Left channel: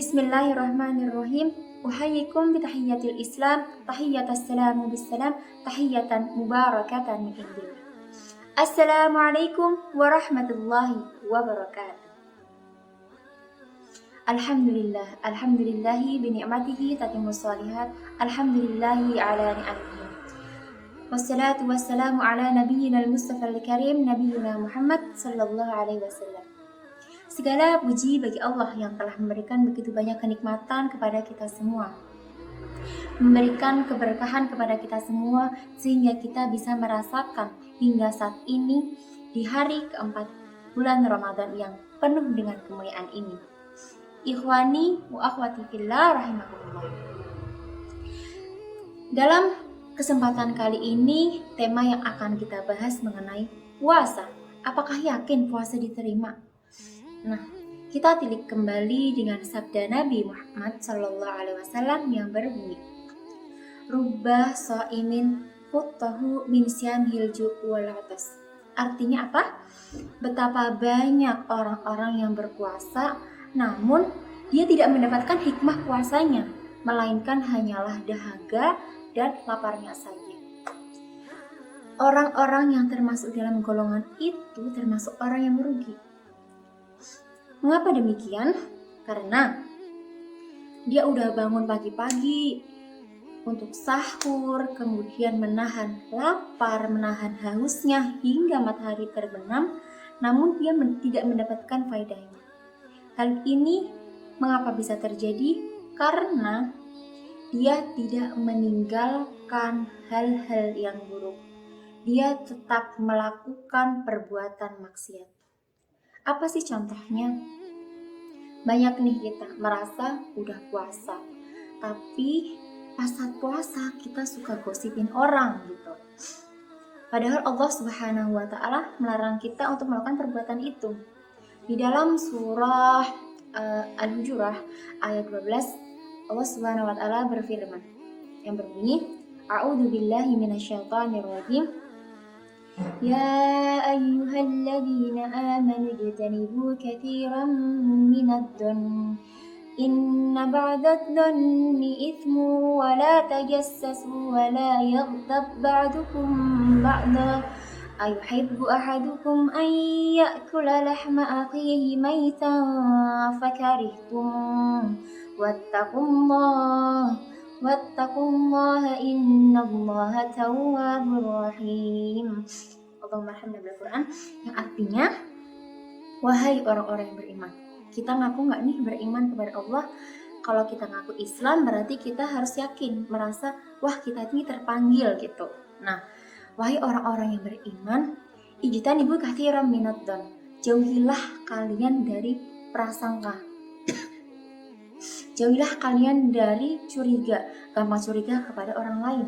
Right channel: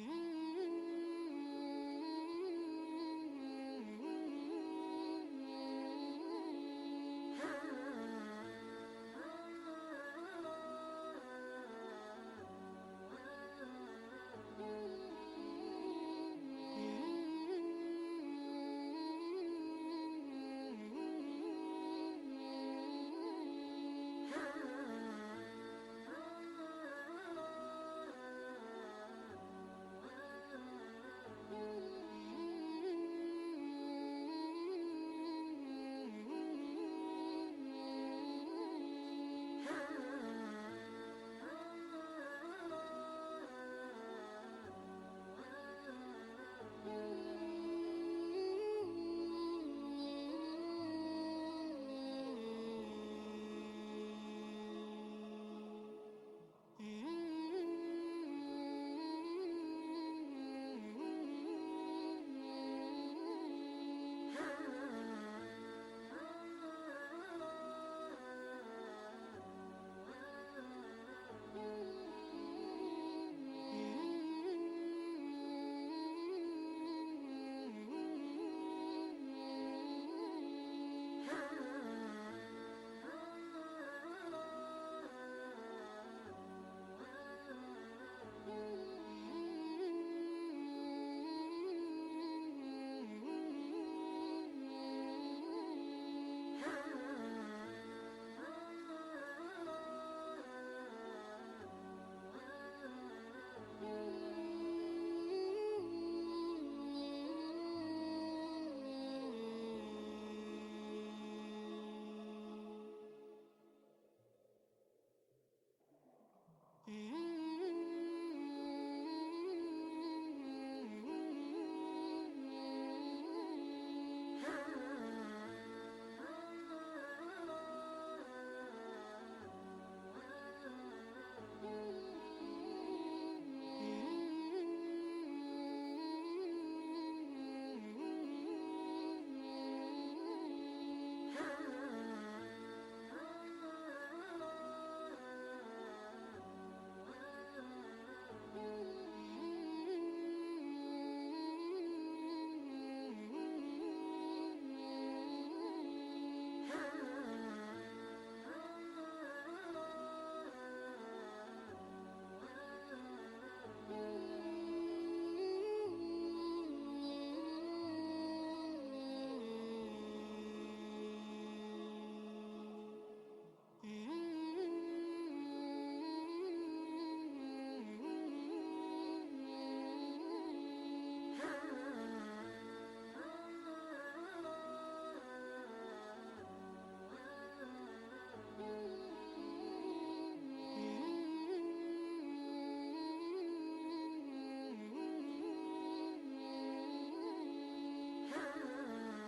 Bismillahirrahmanirrahim. Uhayyikum bitahiyyatil Islam, tahiyyatas salamu bissalam, tahiyyatan mubarakatan min indillah. Assalamualaikum warahmatullahi wabarakatuh. Alhamdulillahi bini'matihi tatimmus shalihat. Alhamdulillahi ala ni'amihi. Wassalatu wassalamu ala nabiyyinal Mustafa al-Karim, Nabiyyina Muhammad sallallahu alaihi wasallam. Segala puji bagi Allah yang telah memberikan begitu banyak kenikmatan kepada kita semua, memberikan keberkahan kepada kita semua, sehingga kita bisa merasakan hingga saat ini di hari keempat bulan Ramadan yang penuh dengan kemuliaan ini. Ikhwani wa akhwati fillah rahimakumullah. Dalam kesempatan kali ini, tema yang akan kita bahas mengenai puasa. Apakah yakin puasa diterima? Nah, kita tilik kembali dengan sabda Nabi Muhammad Sallallahu Alaihi Wasallam yang berbunyi, "Rubba shaimin futtahu min syamhil ju' wal 'atas." Artinya apa? Betapa banyak orang-orang yang berpuasa, namun dia tidak mendapatkan hikmah puasanya, melainkan hanyalah dahaga dan laparnya saja. Orang-orang yang termasuk dalam golongan itu termasuk orang yang merugi. Mengapa demikian? Karena dia udah bangun pagi-pagi untuk sahur, kemudian menahan lapar, menahan hausnya hingga matahari terbenam, namun dia tidak mendapatkan faedahnya. Hal ini mengapa bisa terjadi? Karena dia tidak meninggalkan hal-hal yang buruk. Dia tetap melakukan perbuatan maksiat. Apa sih contohnya? Banyak nih kita merasa udah puasa, tapi pas saat puasa kita suka gosipin orang gitu. Padahal Allah Subhanahu wa Ta'ala melarang kita untuk melakukan perbuatan itu. Di dalam surah Al-Hujurat ayat 12, Allah Subhanahu wa Ta'ala berfirman yang berbunyi, A'udzu billahi minasyaitonir rajim. Ya ayyuhalladzina amanu ijtanibu katsiran minadh-dhanni inna ba'dadh-dhanni itsmu wa la tajassasu wa la yaghtab ba'dukum ba'da ayuhibbu ahadukum an ya'kula lahma akhihi maytan fakarihtum wattaqullaha innallaha tawwabur rahim. Allahumma arhamna bil Quran, yang artinya, wahai orang-orang yang beriman. Kita ngaku nggak nih beriman kepada Allah? Kalau kita ngaku Islam berarti kita harus yakin, merasa wah kita ini terpanggil gitu. Nah, wahai orang-orang yang beriman, ijtanibu katsiran minadh-dhann, jauhilah kalian dari prasangka. Jauhilah kalian dari curiga, gampang curiga kepada orang lain.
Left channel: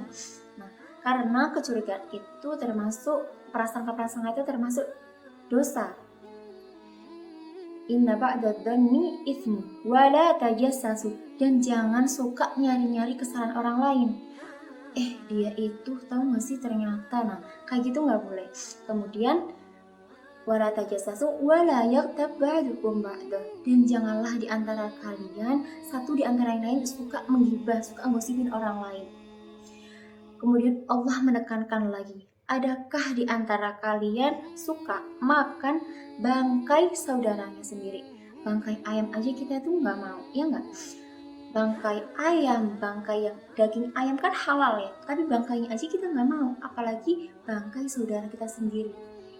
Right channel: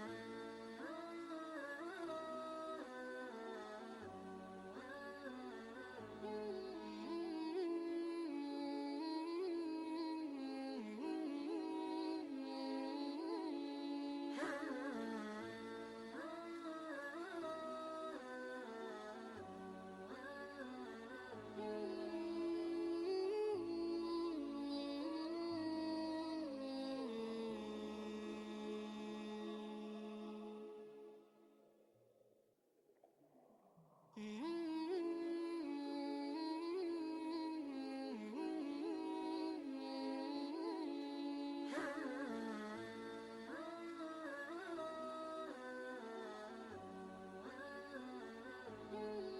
Nah, karena kecurigaan itu termasuk, prasangka-prasangka itu termasuk dosa. Inna ba'dadh-dhanni itsmu wa la tajassasu, dan jangan suka nyari-nyari kesalahan orang lain. Dia itu tahu nggak sih ternyata, nah kayak gitu nggak boleh. Kemudian wala tajassasu wala yaghtab ba'dukum ba'da, dan janganlah di antara kalian satu di antara yang lain suka menggibah, suka ngosipin orang lain. Kemudian Allah menekankan lagi, adakah di antara kalian suka makan bangkai saudaranya sendiri? Bangkai ayam aja kita tuh nggak mau, ya nggak? Bangkai ayam, bangkai yang daging ayam kan halal ya, tapi bangkainya aja kita nggak mau, apalagi bangkai saudara kita sendiri.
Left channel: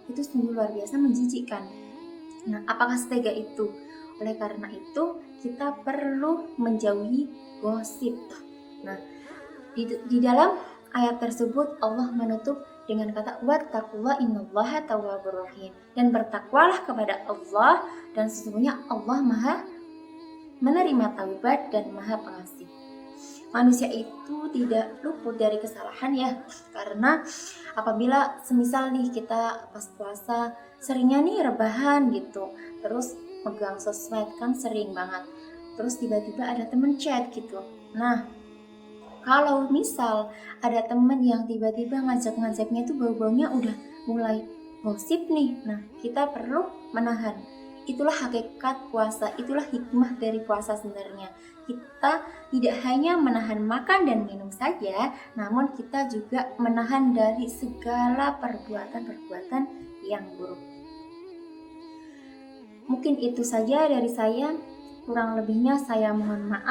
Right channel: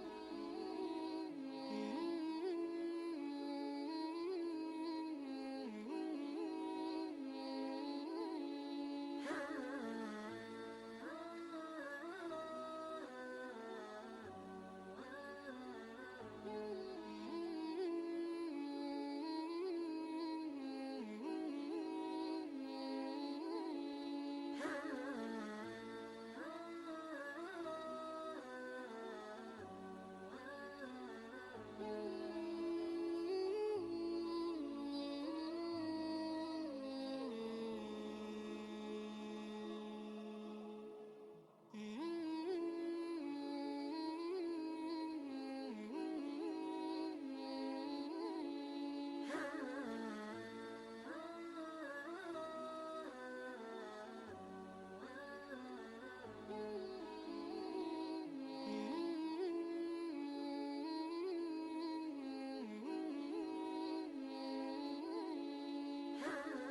Itu sungguh luar biasa menjijikkan. Nah, apakah setega itu? Oleh karena itu kita perlu menjauhi gosip. Nah, di dalam ayat tersebut Allah menutup dengan kata wattaqullaha innallaha tawwabur rahim, dan bertakwalah kepada Allah, dan sesungguhnya Allah Maha menerima taubat dan Maha pengasih. Manusia itu tidak luput dari kesalahan ya, karena apabila semisal nih kita pas puasa seringnya nih rebahan gitu, terus megang sosmed kan sering banget, terus tiba-tiba ada temen chat gitu. Nah, kalau misal ada temen yang tiba-tiba ngajak-ngajaknya itu bau-baunya udah mulai gosip nih, nah kita perlu menahan. Itulah hakikat puasa, itulah hikmah dari puasa sebenarnya. Kita tidak hanya menahan makan dan minum saja, namun kita juga menahan dari segala perbuatan-perbuatan yang buruk. Mungkin itu saja dari saya, kurang lebihnya saya mohon maaf.